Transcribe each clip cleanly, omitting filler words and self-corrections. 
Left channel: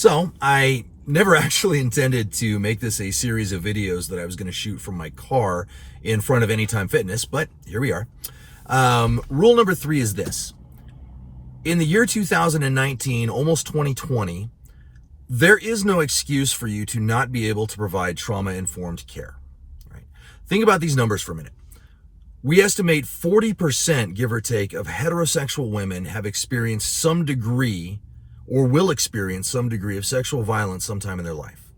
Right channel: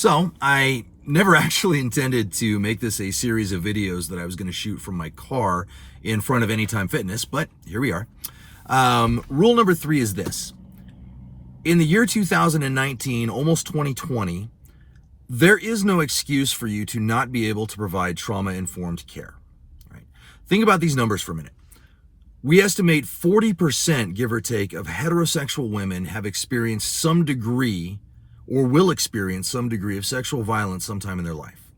So I never actually intended to make this a series of videos that I was going to shoot from my car in front of Anytime Fitness, but here we are. Rule number 3 is this. In the year 2019, almost 2020, there is no excuse for you to not be able to provide trauma-informed care. Right? Think about these numbers for a minute. We estimate 40%, give or take, of heterosexual women have experienced some degree or will experience some degree of sexual violence sometime in their life.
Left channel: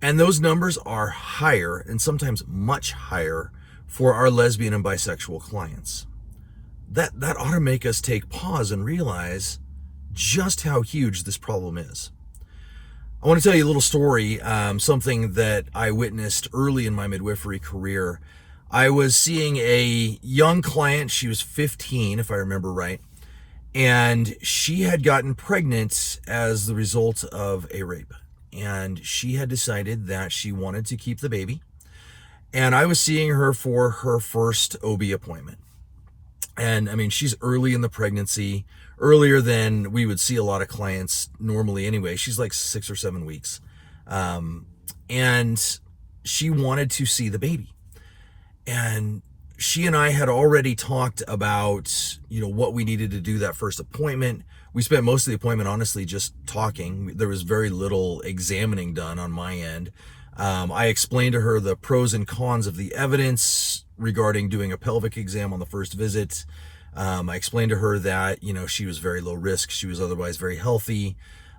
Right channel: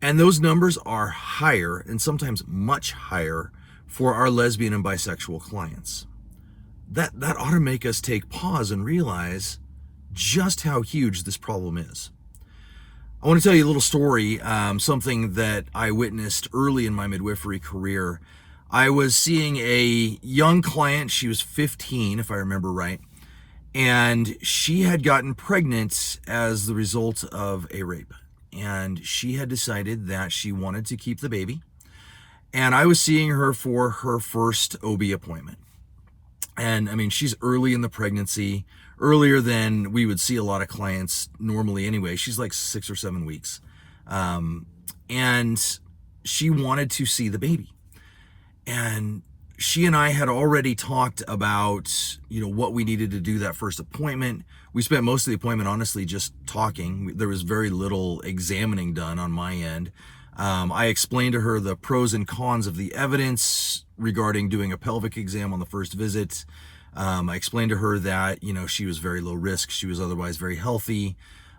And those numbers are higher, and sometimes much higher, for our lesbian and bisexual clients. That ought to make us take pause and realize just how huge this problem is. I want to tell you a little story, something that I witnessed early in my midwifery career. I was seeing a young client. She was 15, if I remember right, and she had gotten pregnant as the result of a rape. And she had decided that she wanted to keep the baby. And I was seeing her for her first OB appointment. And I mean, she's early in the pregnancy, earlier than we would see a lot of clients normally anyway. She's like 6 or 7 weeks. And she wanted to see the baby. And she and I had already talked about, what we needed to do that first appointment. We spent most of the appointment, honestly, just talking. There was very little examining done on my end. I explained to her the pros and cons of the evidence regarding doing a pelvic exam on the first visit. I explained to her that, she was very low risk. She was otherwise very healthy.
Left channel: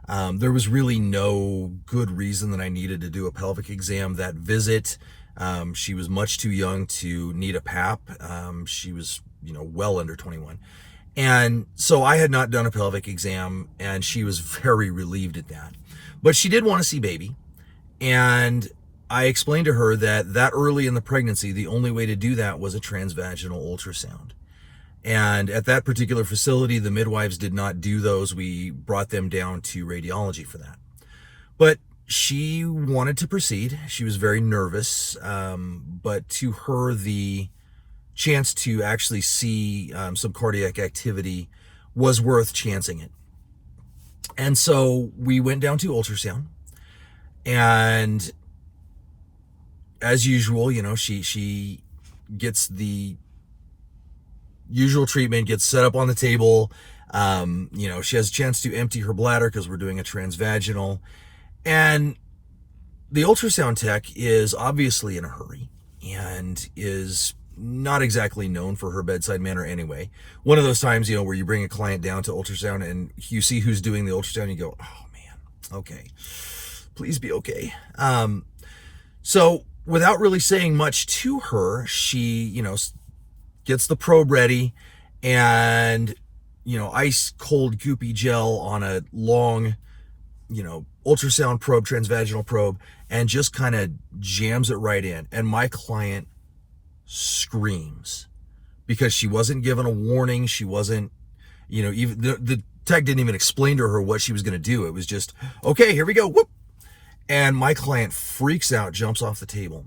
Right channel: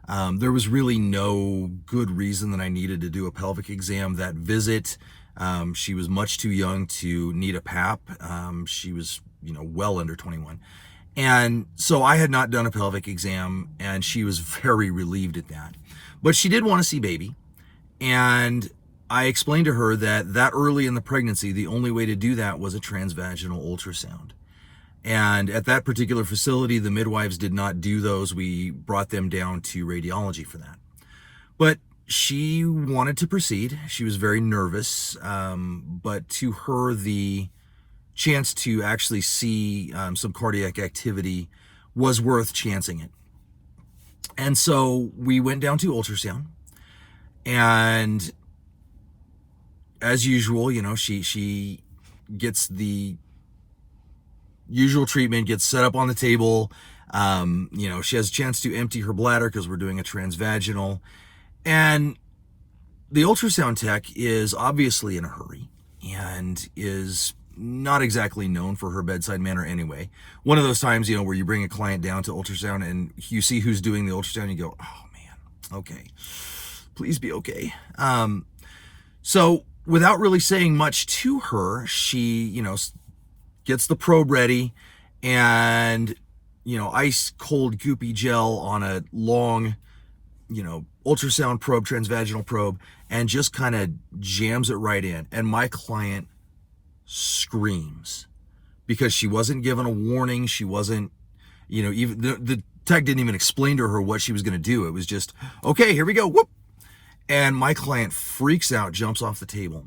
There was really no good reason that I needed to do a pelvic exam that visit. She was much too young to need a PAP. She was, well under 21. And so I had not done a pelvic exam, and she was very relieved at that. But she did want to see baby. And I explained to her that early in the pregnancy, the only way to do that was a transvaginal ultrasound. And at that particular facility, the midwives did not do those. We brought them down to radiology for that. But she wanted to proceed. She was very nervous. But to her, the chance to actually see some cardiac activity was worth chancing it. And so we went down to ultrasound. And as usual, she gets the usual treatment, gets set up on the table. She has a chance to empty her bladder because we're doing a transvaginal. And the ultrasound tech is obviously in a hurry and is not exactly known for her bedside manner anyway. One of those times, where you bring a client down to ultrasound and you see who's doing the ultrasound, you go, oh man, okay. Please be okay. So without really saying much to her, she, gets the probe ready and, ice cold goopy gel on a long, ultrasound probe, transvaginal probe, and just kind of jams it right in. And my client screams because she wasn't given a warning. She wasn't, even the tech didn't even explain to her what she was going to do. It was just, okay, here we go. Whoop. And my client freaks out, jumps off the table.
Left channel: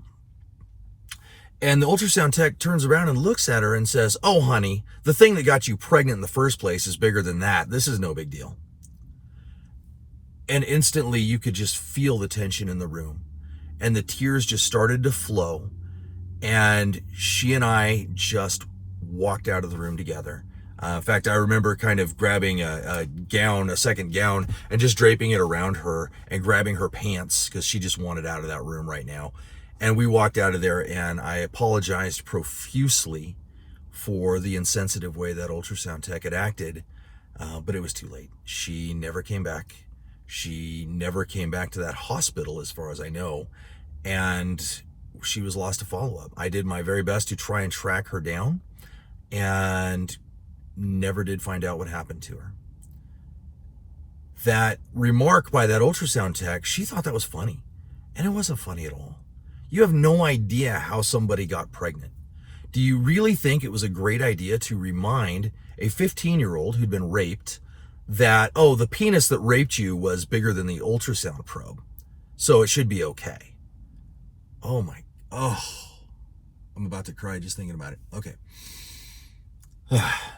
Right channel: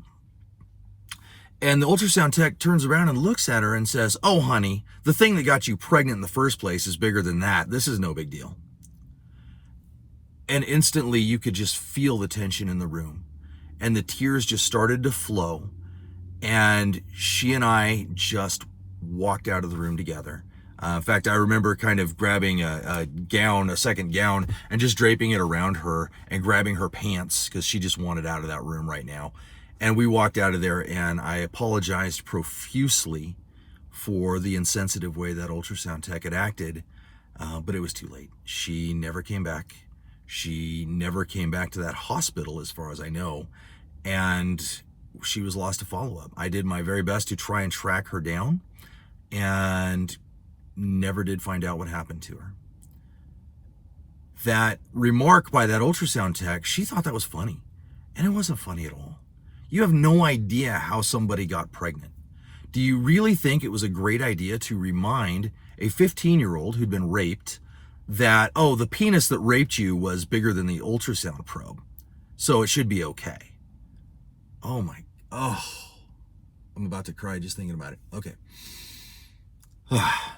And the ultrasound tech turns around and looks at her and says, oh, honey, the thing that got you pregnant in the first place is bigger than that. This is no big deal. And instantly you could just feel the tension in the room. And the tears just started to flow. And she and I just walked out of the room together. In fact, I remember kind of grabbing a second gown, and just draping it around her and grabbing her pants because she just wanted out of that room right now. And we walked out of there, and I apologized profusely for the insensitive way that ultrasound tech had acted, but it was too late. She never came back. She never came back to that hospital, as far as I know, and she was lost to follow-up. I did my very best to try and track her down, and never did find out what happened to her. That remark by that ultrasound tech, she thought that was funny. And it wasn't funny at all. You have no idea how somebody got pregnant. Do you really think it was a great idea to remind a 15-year-old who'd been raped that, oh, the penis that raped you was bigger than the ultrasound probe, so it should be okay? Oh, I'm about to cry just thinking about it. Okay.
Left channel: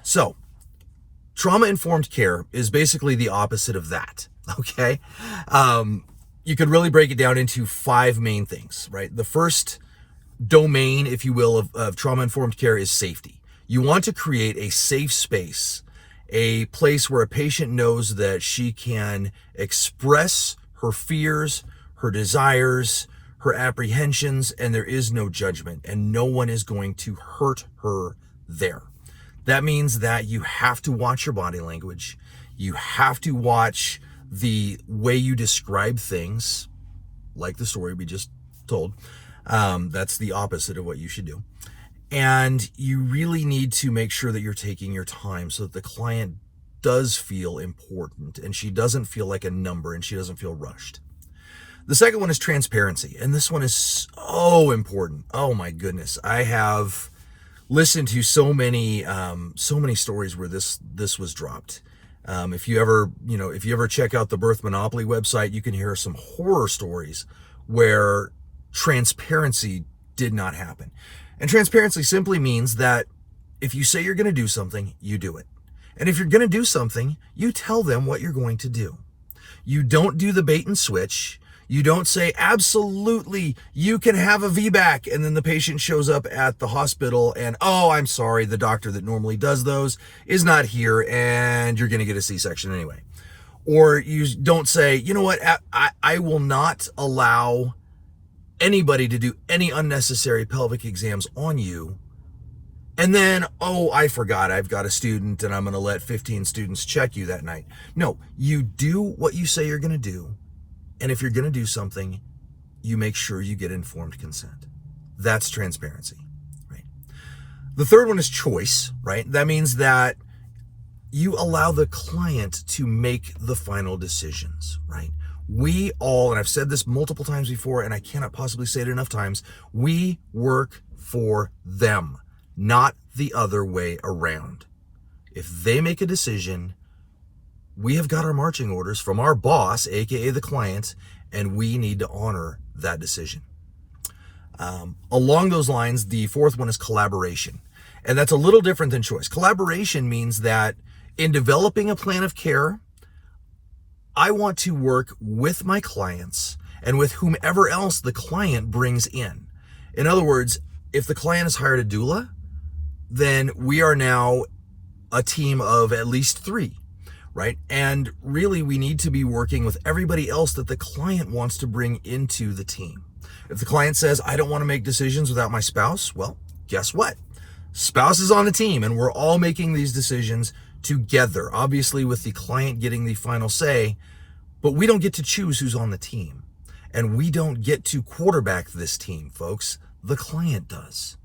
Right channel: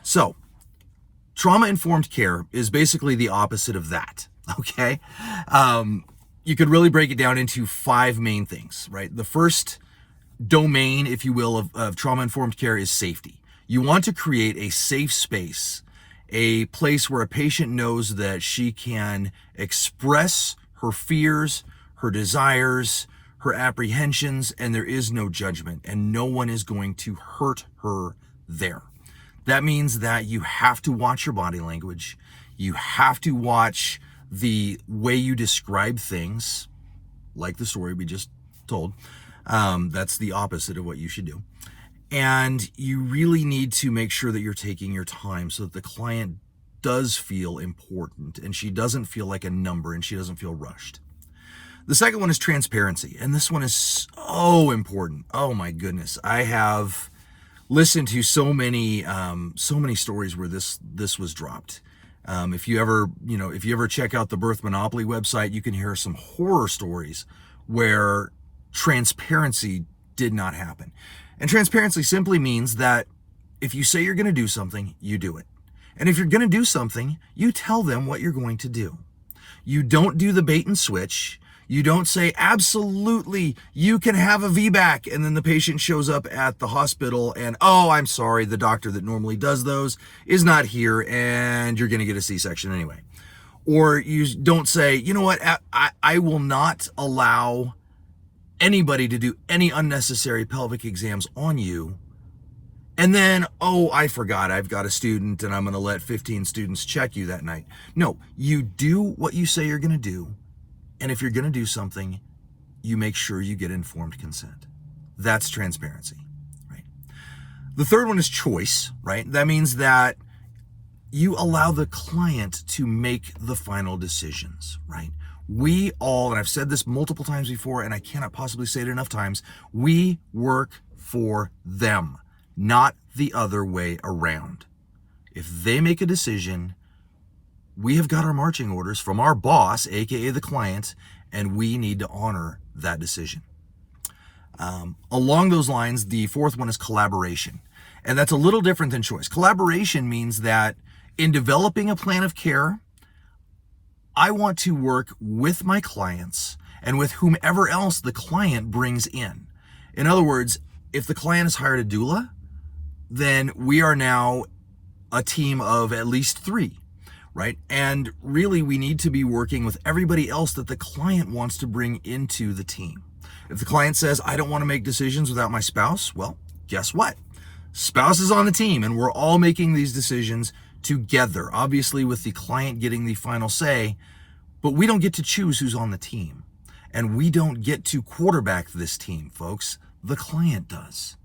So, trauma-informed care is basically the opposite of that. okay? You could really break it down into 5 main things, right? The first domain, if you will, of trauma-informed care is safety. You want to create a safe space, a place where a patient knows that she can express her fears, her desires, her apprehensions, and there is no judgment, and no one is going to hurt her there. That means that you have to watch your body language. You have to watch the way you describe things, like the story we just told. That's the opposite of what you should do. And you really need to make sure that you're taking your time so that the client does feel important and she doesn't feel like a number and she doesn't feel rushed. The second one is transparency. And this one is so important. Oh my goodness. I have listened to so many stories where this was dropped. If you ever check out the Birth Monopoly website, you can hear some horror stories where transparency did not happen. And transparency simply means that if you say you're going to do something, you do it. And if you're going to do something, you tell them what you're going to do. You don't do the bait and switch. You don't say, absolutely, you can have a VBAC, and then the patient shows up at the hospital and, oh, I'm sorry, the doctor that normally does those is not here and you're going to get a C-section anyway. Or you don't say, you know what, I will not allow anybody to do any unnecessary pelvic exams on you. And then, oh, I forgot, I've got a student and I'm going to let 15 students check you that night. No, you do what you say you're going to do. And if you're going to do something, you make sure you get informed consent. That's transparency, right? The third one is choice, right? That means that you allow the client to make the final decisions, right? We all, and I've said this multiple times before, and I cannot possibly say it enough times, we work for them, not the other way around. If they make a decision, we have got our marching orders from our boss, aka the client, and we need to honor that decision. Along those lines, the fourth one is collaboration. And that's a little different than choice. Collaboration means that in developing a plan of care, I want to work with my clients and with whomever else the client brings in. In other words, if the client has hired a doula, then we are now a team of at least 3, right? And really, we need to be working with everybody else that the client wants to bring into the team. If the client says, I don't want to make decisions without my spouse, well, guess what? Spouse is on the team and we're all making these decisions together, obviously with the client getting the final say, but we don't get to choose who's on the team. And we don't get to quarterback this team, folks. The client does.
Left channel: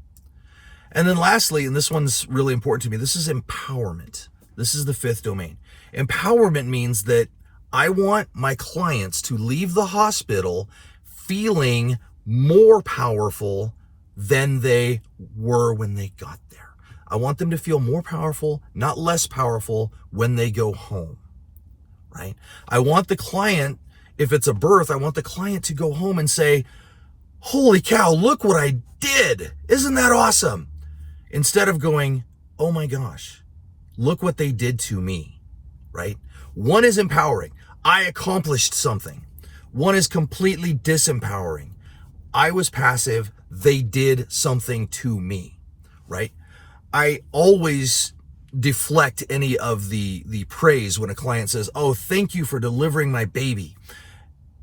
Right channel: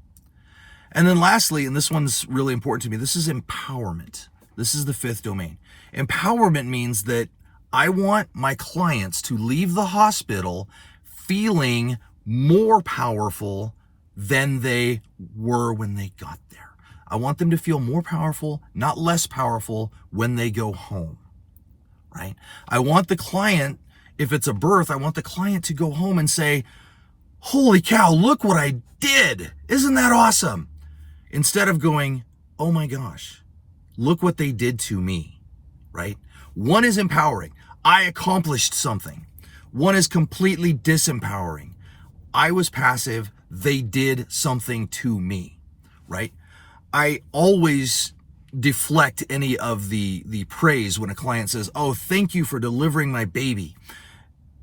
And then lastly, and this one's really important to me, this is empowerment. This is the 5th domain. Empowerment means that I want my clients to leave the hospital feeling more powerful than they were when they got there. I want them to feel more powerful, not less powerful when they go home, right? I want the client, if it's a birth, I want the client to go home and say, holy cow, look what I did. Isn't that awesome? Instead of going, oh my gosh, look what they did to me, right? One is empowering. I accomplished something. One is completely disempowering. I was passive. They did something to me, right? I always deflect any of the praise when a client says, oh, thank you for delivering my baby.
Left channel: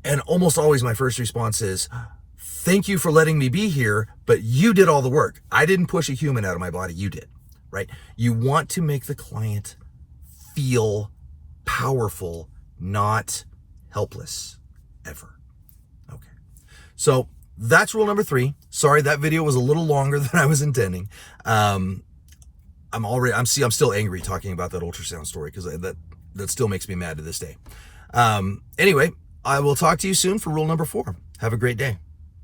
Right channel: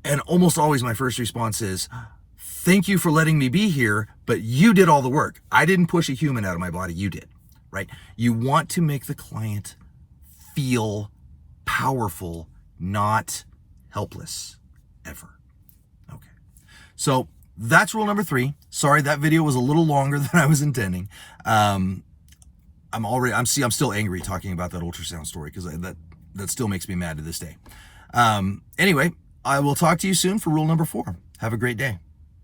And almost always my first response is, thank you for letting me be here, but you did all the work. I didn't push a human out of my body. You did, right? You want to make the client feel powerful, not helpless, ever. Okay. So that's rule number 3. Sorry, that video was a little longer than I was intending. I'm still angry talking about that ultrasound story because that still makes me mad to this day. Anyway, I will talk to you soon for rule number 4. Have a great day.